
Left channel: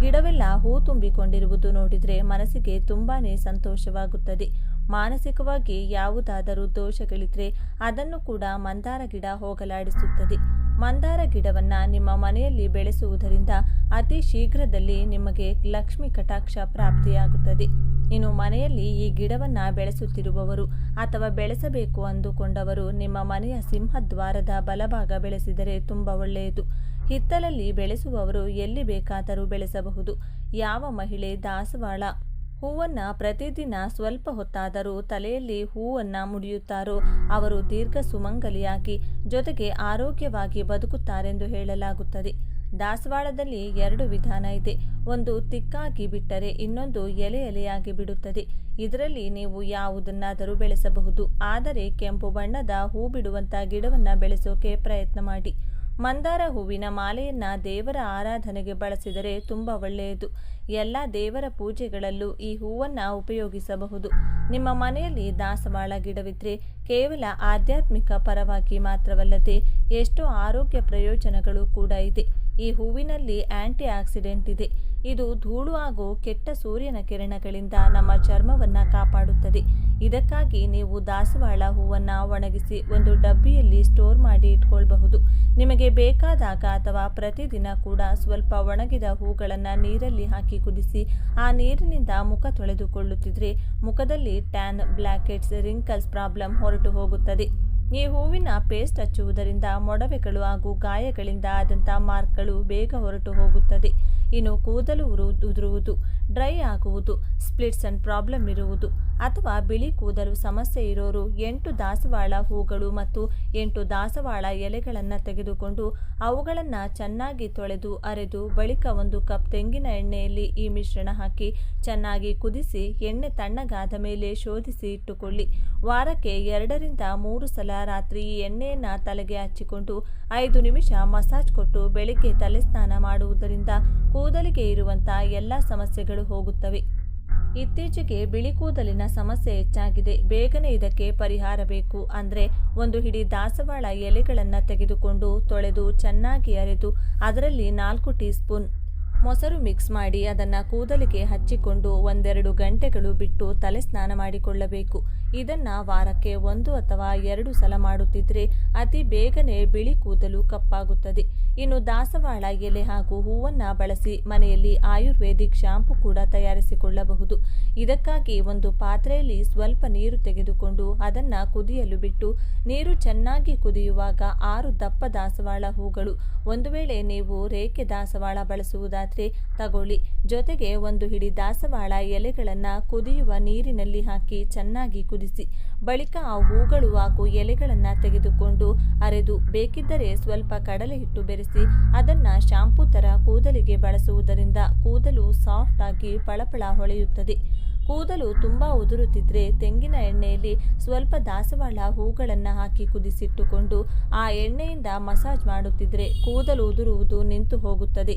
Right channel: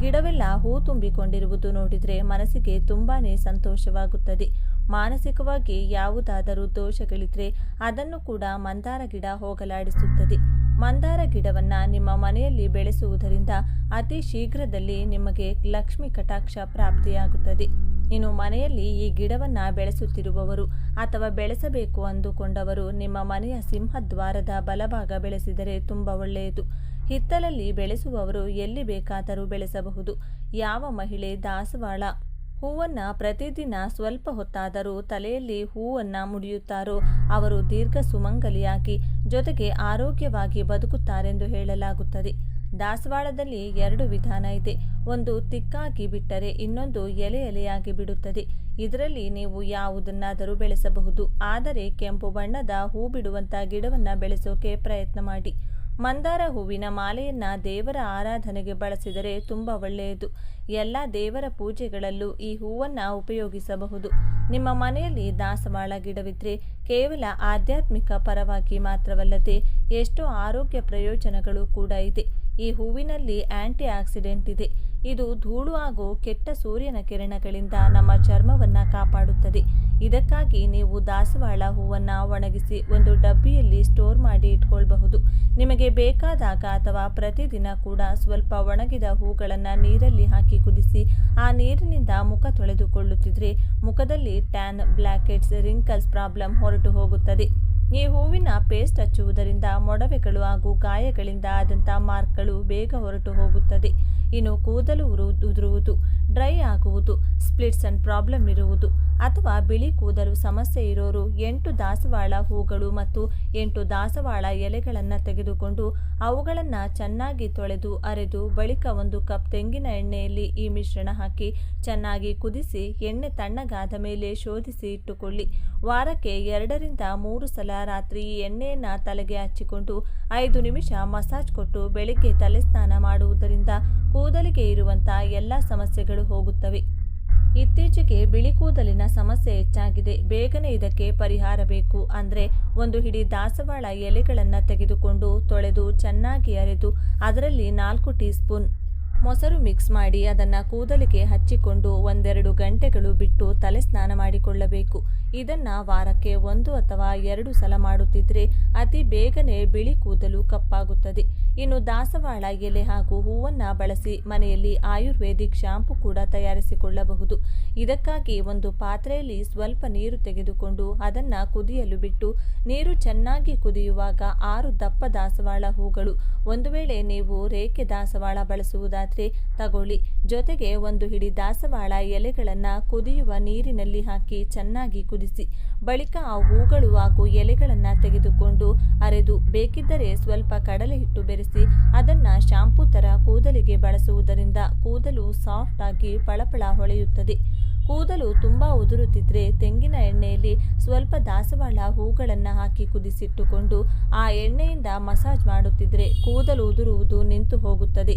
ಗಿಡವೆಲ್ಲ ಹೂ ತುಂಬಿಕೊಂಡಿರುವುದು ನೋಡಿದರೆ ಮನಸ್ಸಿಗೆ ತುಂಬಾ ಸಂತೋಷವಾಗುತ್ತದೆ. ಮಾನಸಿಕವಾಗಿ ಯಾವುದಾದರೂ ದೋಷಗಳಿದ್ರೆ ಅದನ್ನು ಕೂಡ ಮಂದಾರ ಗಿಡ ಹೋಗಲಾಡಿಸುತ್ತದೆ. ಮಂದಾರ ಗಿಡವನ್ನು ನಿಮ್ಮ ಮನೆಯಲ್ಲಿ ಬೆಳೆಸುವುದರಿಂದ ಅತಿ ಶೀಘ್ರದಲ್ಲಿ ನಿಮಗೆ ಲಕ್ಷ್ಮಿ ಕಟಾಕ್ಷ ಪ್ರಾಪ್ತಿಯಾಗುತ್ತದೆ. ಇನ್ನು ಮನೆಯಲ್ಲಿ ಈ ಗಿಡವನ್ನು ಬೆಳೆಸುತ್ತಿರುವವರು ಅಥವಾ ಬೆಳೆಸಬೇಕು ಅಂದುಕೊಂಡವರು ನಿಮ್ಮ ಮನೆಯ ಸಿಂಹದ್ವಾರದ ಬಲಭಾಗ ಬೆಳೆಸಿದರೆ ತುಂಬ ಒಳ್ಳೆಯದು. ಹಿತ್ತಲಲ್ಲಿ ಬೆಳೆಸುವವರು ಎಲ್ಲಿ ಬೇಕಾದರೂ ಬೆಳೆಸಬಹುದು. ಯಾವ ಮಹಿಳೆ ದಾಸವಾಳ ಹೂವನ್ನು ಪ್ರತಿದಿನ ಸ್ವಲ್ಪ ಹೊತ್ತಾದರೂ ತಲೆಯಲ್ಲಿ ಹೂವನ್ನು ಮುಡಿಯುತ್ತಾರೋ ಅವರು ದೀರ್ಘ ಸುಮಂಗಲಿಯಾಗಿ ಜೊತೆಗೆ ಆರೋಗ್ಯವಾಗಿ ಬದುಕುತ್ತಾರೆಂದು ಹೇಳಲಾಗುತ್ತದೆ. ದಾಸವಾಳದಲ್ಲಿ 2 ವಿಧಾನ ಇದೆ. ಒಂದು ತಿಕ್ಕಾಗಿ ಬಿಟ್ಟರೆ ಇನ್ನೊಂದು ಎಲೆ ಎಲೆಯಾಗಿ ಬಿಡುತ್ತದೆ. ಇದರಲ್ಲಿ ನೀವು ಯಾವುದನ್ನಾದರೂ ಬೆಳೆಸಬಹುದು. ಆದರೆ ಕೆಂಪು ಬಣ್ಣದ ಹೂ ಬಿಡುವಂಥ ಗಿಡವನ್ನು ಬೆಳೆಸೋಕೆ ಪ್ರಯತ್ನ ಮಾಡಿ. ಮಂದಾರ ಹೂವಿನ ಮಾಲೆಯನ್ನು ದೇವರ ಆರಾಧನೆಗೆ ಬಳಸಿದರೆ ತುಂಬ ಒಳ್ಳೆಯದು. ಎಲ್ಲ ದೇವರ ಪೂಜೆಗಳಲ್ಲೂ ಈ ಹೂವನ್ನು ಉಪಯೋಗಿಸಬಹುದು. ನಿಮ್ಮ ಮನೆಯಲ್ಲಿ ದಾಸವಾಳ ಗಿಡವಿದ್ದರೆ ಕೇವಲ ಆಧ್ಯಾತ್ಮಿಕ ಪರವಾಗಿ ಮಾತ್ರವಲ್ಲದೆ ಎಷ್ಟೋ ಆರೋಗ್ಯ ಪ್ರಯೋಜನಗಳು ಕೂಡ ಇದೆ. ಈ ಹೂವಿನಲ್ಲಿ ಆಂಟಿ ಆಕ್ಸಿಡೆಂಟ್ ಇದೆ. ಇದು ಧೂಳು ಹಾಗೂ ಕೆಟ್ಟ ಸೂರ್ಯನ ಕಿರಣಗಳಿಂದ ನಮ್ಮ ಚರ್ಮವನ್ನು ಕಾಪಾಡುತ್ತದೆ. ಇದಕ್ಕಾಗಿ ನೀವು ದಾಸವಾಳ ಹೂವನ್ನು ಒಣಗಿಸಿ ಒಂದು ಡಬ್ಬಿಯಲ್ಲಿ ಸ್ಟೋರ್ ಮಾಡಿ ಇಟ್ಕೊಳ್ಬಹುದು. ನಿಮಗೆ ಬೇಕಾದಾಗ ಅಥವಾ ಪ್ರತಿದಿನ ಕೂಡ ಸ್ವಲ್ಪ ಒಣಗಿದ ಹೂಗಳನ್ನು ನೀರಲ್ಲಿ ಹಾಕಿ ಕುದಿಸಿ ಆ ನೀರಿನಿಂದ ಮುಖ ತೊಳೆದುಕೊಳ್ಳುತ್ತಿದ್ರೆ ಮುಖದಲ್ಲಿ tan, black heads, wrinkles problem ಹೊರಟು ಹೋಗುತ್ತದೆ. ಈ ಹೂವಿನ ಪೇಸ್ಟ್ ಹಚ್ಚುವುದರಿಂದ ಮೊಡವೆಗಳು ಹಾಗೂ ಗಾಯಗಳಿಂದ ಆದಂಥ ಮಾರ್ಕ್ಗಳು ಬೇಗ ಹೊರಟು ಹೋಗುತ್ತದೆ. ಇನ್ನು ಕೂದಲು ಉದುರುವುದು, ಡ್ರೈ ಆಗುವುದು, ಸ್ಪ್ಲಿಟ್ಸ್ ಅಂಡ್ ಪ್ರಾಬ್ಲಮ್ ಇರುವುದು ಅಥವಾ ಬಿಳಿ ಕೂದಲು ಸಮಸ್ಯೆ ಇರೋರು 8 ದಾಸವಾಳ ಹೂಗಳು ಮತ್ತು 8 ದಾಸವಾಳ ಎಲೆಗಳನ್ನು ತೆಗೆದುಕೊಂಡು ಅವುಗಳನ್ನು ಚೆನ್ನಾಗಿ ತೊಳೆದು ಅರೆದು ಬಳಿಕ 1 ಕಪ್ ತೆಂಗಿನ ಎಣ್ಣೆಯಲ್ಲಿ ಈ ಮಿಶ್ರಣ ಹಾಕಿ ಚೆನ್ನಾಗಿ ಕುದಿಸಿ ಎಣ್ಣೆ ತಣ್ಣಗಾದ ಮೇಲೆ ಶೋಧಿಸಿ ಇಟ್ಟುಕೊಳ್ಳಿ. ವಾರಕ್ಕೆ 2 ರಿಂದ 3 ಸಲ ರಾತ್ರಿ ಈ ಎಣ್ಣೆಯನ್ನು ತಲೆಗೆ ಹಚ್ಚಿಕೊಂಡು 5 ನಿಮಿಷ ಮಸಾಜ್ ಕೊಟ್ಟು ಬೆಳಿಗ್ಗೆ ತಲೆ ಸ್ನಾನ ಮಾಡುವುದರಿಂದ ಕೂದಲಿಗೆ ಇರುವಂಥ ಎಲ್ಲ ಸಮಸ್ಯೆಗಳು ಹೋಗುತ್ತವೆ. ಇತ್ತೀಚೆಗೆ ಬಿಳಿ ಕೂದಲಿನ ಸಮಸ್ಯೆ ಹೆಚ್ಚಾಗಿದೆ. ಬೇಗನೆ ಇದಕ್ಕೆ ಪರಿಹಾರ ಬೇಕು ಅಂದರೆ 1 ಹಿಡಿ ದಾಸವಾಳ ಎಲೆಗಳನ್ನು ತೆಗೆದುಕೊಂಡು ತೊಳೆದು ಚೆನ್ನಾಗಿ ಅರೆದು ಅದರಲ್ಲಿ 4 ಟೀ ಸ್ಪೂನ್ ಮೊಸರು ಮಿಕ್ಸ್ ಮಾಡಿ ಅದನ್ನು ಕೂದಲಿಗೆ ಹಚ್ಚಿಕೊಂಡು 1-2 ಗಂಟೆಗಳು ಬಿಟ್ಟು ತಲೆ ಸ್ನಾನ ಮಾಡಿಕೊಳ್ಳಬೇಕು. ಇದನ್ನು ವಾರಕ್ಕೆ 1 ಅಥವಾ 2 ಸಲ ಮಾಡುತ್ತಿದ್ದರೆ ಅತಿ ಬೇಗನೆ ಬಿಳಿ ಕೂದಲು ಕಪ್ಪಾಗುತ್ತದೆ. ಇನ್ನು ದಾಸವಾಳ ಎಲೆ ಹಾಗೂ ಹೂವನ್ನು ಬಳಸಿ ಮನೆಯಲ್ಲಿ ಆಯುರ್ವೇದಿಕ್ ಶಾಂಪು ಕೂಡ ತಯಾರಿಸಿಕೊಳ್ಳಬಹುದು. ಇದಕ್ಕಾಗಿ ಒಂದು ಪಾತ್ರೆಯಲ್ಲಿ ಸ್ವಲ್ಪ ನೀರು ತೆಗೆದುಕೊಂಡು ಅದನ್ನು ಕುದಿಯಲು ಬಿಟ್ಟು ನೀರು ಚೆನ್ನಾಗಿ ಕುದಿಯುವಾಗ 6 ದಪ್ಪ ದಾಸವಾಳ ಹೂಗಳು, ಒಂದು ವೇಳೆ ನೀವು ರೇಖೆ ದಾಸವಾಳ ಬಳಸುವುದಾದರೆ ತಗೊಳ್ಳಿ, ಜೊತೆಗೆ 1 ಹಿಡಿ ದಾಸವಾಳ ಎಲೆಗಳನ್ನು ಕುದಿಯುವ ನೀರಿನಲ್ಲಿ ಹಾಕಿ ಚೆನ್ನಾಗಿ ಕುದಿಸಿ ಬಳಿಕ ಆ ಹೂಗಳು ಹಾಗೂ ಎಲೆಗಳನ್ನು ತೆಗೆದುಕೊಂಡು ಅರೆದು ಬೇಕಿದ್ದರೆ ಸ್ವಲ್ಪ ಕಡಲೆ ಹಿಟ್ಟು ಬೆರೆಸಿ ಅದನ್ನು ಶಾಂಪೂ ಥರ ಕೂದಲಿಗೆ ಬಳಸುವುದರಿಂದ ಕೂದಲು ಸಾಫ್ಟ್ ಆಗಿ ಪಳಪಳ ಹೊಳೆಯುತ್ತದೆ. ಕೂದಲು ತುಂಬ ಉದುರುತ್ತಿದ್ದರೆ ತೆಂಗಿನ ಎಣ್ಣೆಯಲ್ಲಿ ಸ್ವಲ್ಪ ದಾಸವಾಳ ಹೂಗಳನ್ನು ಹಾಕಿ ಕುದಿಸಿಟ್ಟುಕೊಂಡು ಆ ಎಣ್ಣೆಯಿಂದ ಮಸಾಜ್ ಮಾಡುತ್ತಿದ್ದರೆ ಕೂದಲು ಉದುರುವುದು ನಿಂತು ಹೋಗುತ್ತದೆ.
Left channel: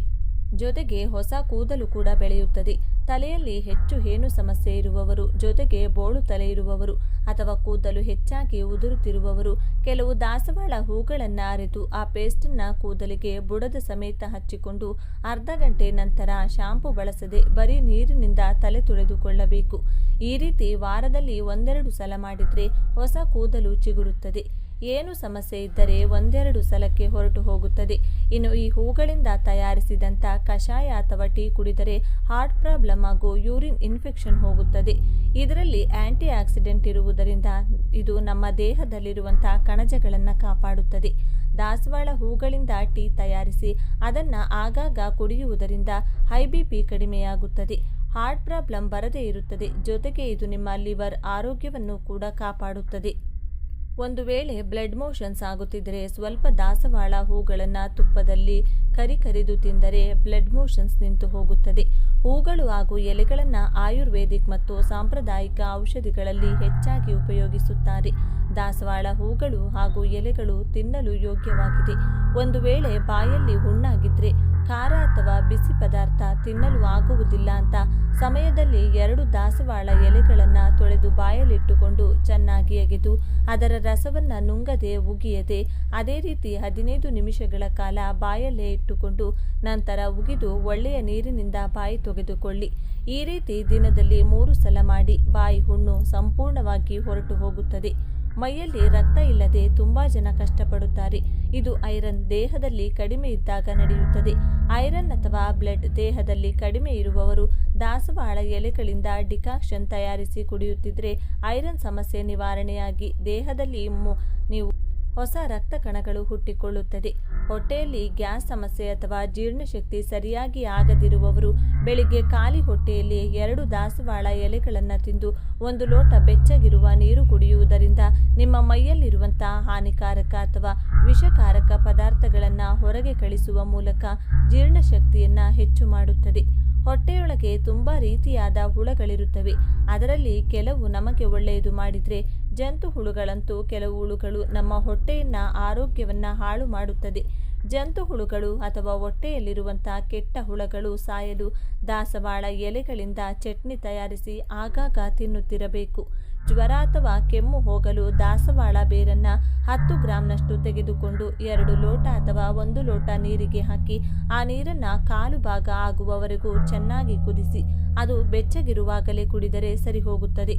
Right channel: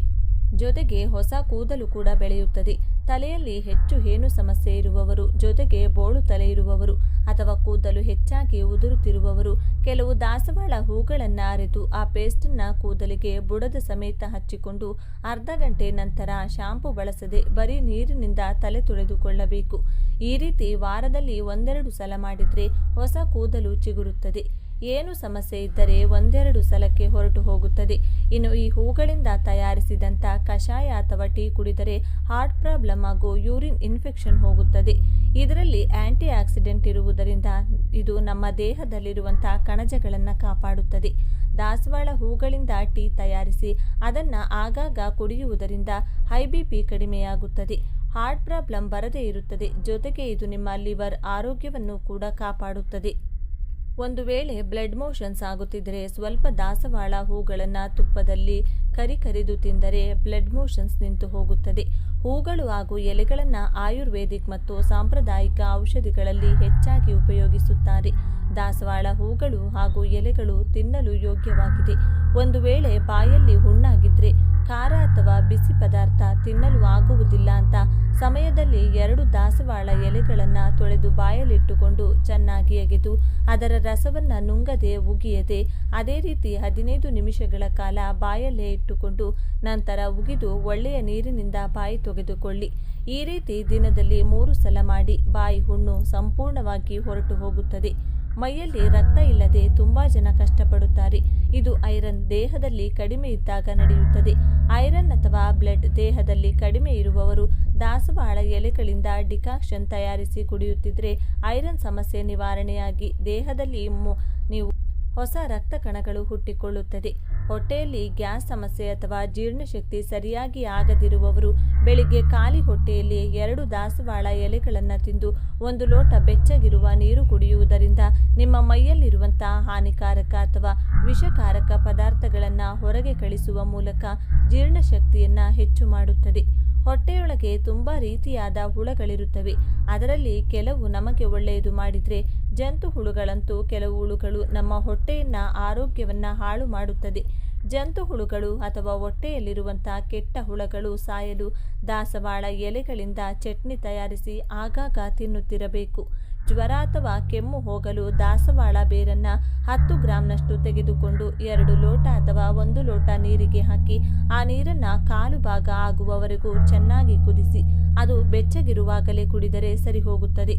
ಜೊತೆಗೆ ಹೊಸ ಕೂದಲು ಕೂಡ ಬೆಳೆಯುತ್ತದೆ. ತಲೆಯಲ್ಲಿ ಹೆಚ್ಚು ಹೇನು ಸಮಸ್ಯೆ ಇರುವವರು, ಜೊತೆಗೆ ಬೋಳು ತಲೆ ಇರುವವರು ಅಥವಾ ಕೂದಲು ಹೆಚ್ಚಾಗಿ ಉದುರುತ್ತಿರುವವರು ಕೆಲವು ದಾಸವಾಳ ಹೂಗಳನ್ನು ಅರೆದು ಆ ಪೇಸ್ಟನ್ನು ಕೂದಲಿಗೆ ಬುಡದ ಸಮೇತ ಹಚ್ಚಿಕೊಂಡು ಅರ್ಧ ಗಂಟೆ ನಂತರ ಶಾಂಪು ಬಳಸದೆ ಬರೀ ನೀರಿನಿಂದ ತಲೆ ತೊಳೆದುಕೊಳ್ಳಬೇಕು. ಈ ರೀತಿ ವಾರದಲ್ಲಿ 1-2 ಸಲ ಮಾಡಿದರೆ ಹೊಸ ಕೂದಲು ಚಿಗುರುತ್ತದೆ. ಏನು ಸಮಸ್ಯೆ ಇದ್ದರೆ ಒಂದೆರಡು ಸಲಕ್ಕೆ ಹೊರಟು ಹೋಗುತ್ತದೆ. ಇನ್ನು ಈ ಹೂಗಳಿಂದ ತಯಾರಿಸಿದಂಥ ಕಷಾಯ ಅಥವಾ ಟೀ ಕುಡಿದರೆ ಹಾರ್ಟ್ ಪ್ರಾಬ್ಲಮ್ ಹಾಗೂ ಯೂರಿನ್ ಇನ್ಫೆಕ್ಷನ್ ಹೋಗುತ್ತದೆ. ಇದರಲ್ಲಿ ಆಂಟಿ ಆಕ್ಸಿಡೆಂಟ್ ಇರುವುದರಿಂದ ಇದು ನಮ್ಮ ದೇಹದಲ್ಲಿರುವಂಥ ಕಣಜಗಳನ್ನು ಕಾಪಾಡುತ್ತದೆ. ದಾಸವಾಳ ಹೂಗಳಿಂದ ಟೀ ತಯಾರಿಸಿ ಅದನ್ನು ಆಗಾಗ ಕುಡಿಯುವುದರಿಂದ ಹೈ BP ಕಡಿಮೆಯಾಗುತ್ತದೆ. ಹಾರ್ಟ್ ಪ್ರಾಬ್ಲಮ್ ಬರದೇ ಇರುತ್ತದೆ. ಜೊತೆಗೆ ಇದು ನಿಮ್ಮ ಲಿವರ್ ಆರೋಗ್ಯವನ್ನು ಕೂಡ ಕಾಪಾಡುತ್ತದೆ. ಒಂದು ವೇಳೆ ಬ್ಲಡ್ ಮೋಷನ್ಸ್ ಆಗುತ್ತಿದ್ದರೆ ಸ್ವಲ್ಪ ದಾಸವಾಳ ಹೂಗಳನ್ನು ತುಪ್ಪದಲ್ಲಿ ಕರಿದು ತಿಂದರೆ ಬ್ಲಡ್ ಮೋಷನ್ಸ್ ನಿಂತು ಹೋಗುತ್ತದೆ. ಹೂಗಳು ಹಾಗೂ ಎಲೆಗಳನ್ನು ಆಯುರ್ವೇದಿಕ್ ಮತ್ತು ಸಾಂಪ್ರದಾಯಿಕ ಔಷಧಿಗಳಲ್ಲಿ ಹೆಚ್ಚಾಗಿ ಉಪಯೋಗಿಸುತ್ತಾರೆ. ದಾಸವಾಳ ಹೂಗಳು ಹಾಗೂ ಎಲೆಗಳು ತಿನ್ನಲು ಯೋಗ್ಯವಾಗಿದೆ. ಒಂದು ವೇಳೆ ಬಾಯಲ್ಲಿ ಹುಣ್ಣಾಗಿದ್ದರೆ ಖಾರ ಅಥವಾ ಬಿಸಿ ಪದಾರ್ಥ ತಿನ್ನಲು ಆಗುವುದಿಲ್ಲ ಅಂತ ಸಮಯದಲ್ಲಿ 2 ದಾಸವಾಳ ಎಲೆಗಳನ್ನು ತೊಳೆದು ಬಾಯಲ್ಲಿಟ್ಟುಕೊಂಡು ಚೆನ್ನಾಗಿ ಅಗೆದು ಅದರ ರಸವನ್ನು ನುಂಗದೆ ಉಗಿಯದೆ ಅದೇ ರೀತಿ 15 ನಿಮಿಷಗಳ ಕಾಲ ಬಾಯಲ್ಲೇ ಇಟ್ಟುಕೊಂಡು ನಂತರ ಉಗಿದು ಒಳ್ಳೆಯ ನೀರಿನಿಂದ ಬಾಯಿ ತೆಗೆದುಕೊಳ್ಳಿ. ಈ ರೀತಿ ದಿನದಲ್ಲಿ 3 ಸಲ ಮಾಡಿ ಬಾಯಿ ಹುಣ್ಣು ಸಂಪೂರ್ಣವಾಗಿ ಹೊರಟು ಹೋಗುತ್ತದೆ. ಮೈಯಲ್ಲಿ ರಕ್ತ ಇಲ್ಲದೆ ತುಂಬ ಜನ ಕಷ್ಟಪಡುತ್ತಾರೆ. ಇದು ಐರನ್ ದೇಹದಲ್ಲಿ ಕಡಿಮೆ ಇದ್ದಾಗ ನಡೆಯುತ್ತದೆ. ಐರನ್ ಅಥವಾ ಬ್ಲಡ್ ದೇಹದಲ್ಲಿ ಕಡಿಮೆ ಇರುವವರು ದಾಸವಾಳ ಎಲೆಗಳಿಂದ ಡಿಕಾಕ್ಷನ್ ತಯಾರಿಸಿ ಕುಡಿಯುತ್ತಿದ್ದರೆ ಐರನ್ ಸಮಸ್ಯೆ ನಿವಾರಣೆಯಾಗಿ ದೇಹದಲ್ಲಿ ನೀವು ಹೊಸ ರಕ್ತ ಕಣಗಳು ಹುಟ್ಟಿಕೊಳ್ಳುತ್ತದೆ. ಹೊಟ್ಟೆಯಲ್ಲಿ ಗ್ಯಾಸ್ ಸಮಸ್ಯೆ ಅಥವಾ ಜೀರ್ಣಶಕ್ತಿ ಸರಿಯಾಗಿ ಆಗದಿರುವವರು ಬೆಳಿಗ್ಗೆ ಖಾಲಿ ಹೊಟ್ಟೆಯಲ್ಲಿ 2 ದಾಸವಾಳ ಎಲೆಗಳನ್ನು ತಿಂದು 1 ಲೋಟ ಬೆಚ್ಚಗಿರುವ ನೀರು ಕುಡಿಯುವುದರಿಂದ ನಿಮ್ಮ ಮೈಯಲ್ಲಿರುವಂಥ ಹಾನಿಕಾರಕ ಅಥವಾ ವಿಷಕಾರಕ ಪದಾರ್ಥಗಳನ್ನು ಹೊರಗೆ ಕಳಿಸುವ ಮೂಲಕ ಜೀರ್ಣಶಕ್ತಿಯನ್ನು ಹೆಚ್ಚು ಮಾಡುತ್ತದೆ. ಹೊಟ್ಟೆಯೊಳಗೆ ತುಂಬ ರೀತಿಯಾದ ಹುಳುಗಳಿರುತ್ತವೆ. ಅದರಲ್ಲಿ ಕೆಲವು ನಮಗೆ ಒಳ್ಳೆಯದು ಮಾಡಿದರೆ, ಜಂತು ಹುಳುಗಳಂತೂ ಕೆಲವು ಹುಳುಗಳು ನಮ್ಮ ಹೊಟ್ಟೆಯನ್ನು ಆರೋಗ್ಯವನ್ನು ಹಾಳು ಮಾಡುತ್ತದೆ. ಜಂತು ಹುಳುಗಳು ಅಥವಾ ಹೊಟ್ಟೆಯಲ್ಲಿರುವಂಥ ಕೆಟ್ಟ ಹುಳುಗಳು ಸಾಯಲು ದಾಸವಾಳ ಎಲೆಗಳಿಂದ ಚಟ್ನಿ ತಯಾರಿಸಿ ಆಗಾಗ ತಿನ್ನುತ್ತಿರಬೇಕು. ಜ್ವರ ಅಥವಾ ಕೆಮ್ಮು ಹೋಗಲು ದಾಸವಾಳ ಬೇರನ್ನು 10 ಗ್ರಾಂನಷ್ಟು ತೆಗೆದುಕೊಂಡು 2 ಲೋಟ ಅಥವಾ 1 ಲೋಟ ನೀರಿಗೆ ಹಾಕಿ ಆ ನೀರನ್ನು ಕಾಲು ಭಾಗ ಆಗುವವರೆಗೂ ಚೆನ್ನಾಗಿ ಕುದಿಸಿ ಅದು ಬೆಚ್ಚಗಿರುವಾಗಲೇ ಕುಡಿದರೆ ಸರಿ ಹೋಗುತ್ತದೆ.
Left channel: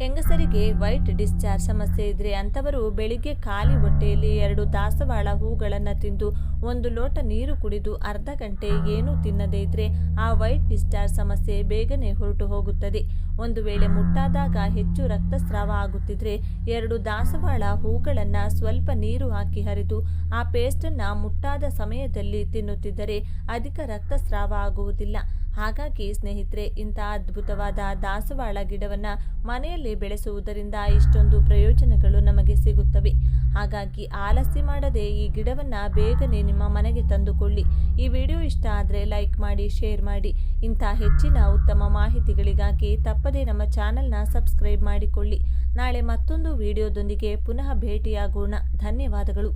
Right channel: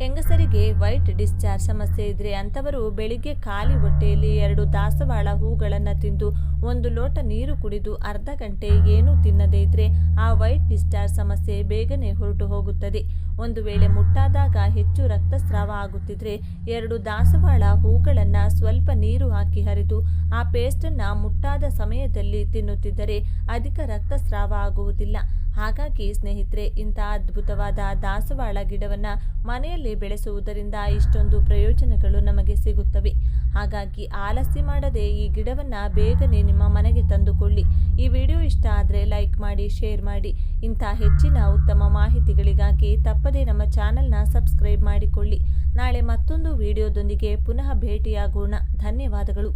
ಹೆಂಗಸರಿಗೆ ವೈಟ್ ಡಿಸ್ಚಾರ್ಜ್ ಸಮಸ್ಯೆ ಇದ್ದರೆ ಅಂಥವರು ಬೆಳಿಗ್ಗೆ ಖಾಲಿ ಹೊಟ್ಟೆಯಲ್ಲಿ 2 ದಾಸವಾಳ ಹೂಗಳನ್ನು ತಿಂದು 1 ಲೋಟ ನೀರು ಕುಡಿದು ಅರ್ಧ ಗಂಟೆ ಏನೂ ತಿನ್ನದೇ ಇದ್ದರೆ ಆ ವೈಟ್ ಡಿಸ್ಚಾರ್ಜ್ ಸಮಸ್ಯೆ ಬೇಗನೆ ಹೊರಟು ಹೋಗುತ್ತದೆ. ಒಂದು ವೇಳೆ ಮುಟ್ಟಾದಾಗ ಹೆಚ್ಚು ರಕ್ತಸ್ರಾವ ಆಗುತ್ತಿದ್ದರೆ 2 ದಾಸವಾಳ ಹೂಗಳನ್ನು ಸ್ವಲ್ಪ ನೀರು ಹಾಕಿ ಹರಿದು ಆ ಪೇಸ್ಟನ್ನು ಮುಟ್ಟಾದ ಸಮಯದಲ್ಲಿ ತಿನ್ನುತ್ತಿದ್ದರೆ ಅಧಿಕ ರಕ್ತಸ್ರಾವ ಆಗುವುದಿಲ್ಲ. ಹಾಗಾಗಿ ಸ್ನೇಹಿತರೆ, ಇಂಥ ಅದ್ಭುತವಾದ ದಾಸವಾಳ ಗಿಡವನ್ನು ಮನೆಯಲ್ಲಿ ಬೆಳೆಸುವುದರಿಂದ ಇಷ್ಟೊಂದು ಪ್ರಯೋಜನಗಳು ನಮಗೆ ಸಿಗುತ್ತವೆ. ಹಾಗಾಗಿ ಆಲಸ್ಯ ಮಾಡದೆ ಈ ಗಿಡವನ್ನು ಬೇಗನೆ ನಿಮ್ಮ ಮನೆಗೆ ತಂದುಕೊಳ್ಳಿ. ಈ ವಿಡಿಯೋ ಇಷ್ಟ ಆದರೆ ಲೈಕ್ ಮಾಡಿ, ಶೇರ್ ಮಾಡಿ. ಇಂಥ ಹೆಚ್ಚಿನ ಉತ್ತಮ ಮಾಹಿತಿಗಳಿಗಾಗಿ ತಪ್ಪದೇ ನಮ್ಮ ಚಾನಲ್ನ ಸಬ್ಸ್ಕ್ರೈಬ್ ಮಾಡಿಕೊಳ್ಳಿ. ನಾಳೆ ಮತ್ತೊಂದು ವಿಡಿಯೋದೊಂದಿಗೆ ಪುನಃ ಭೇಟಿಯಾಗೋಣ. ಧನ್ಯವಾದಗಳು.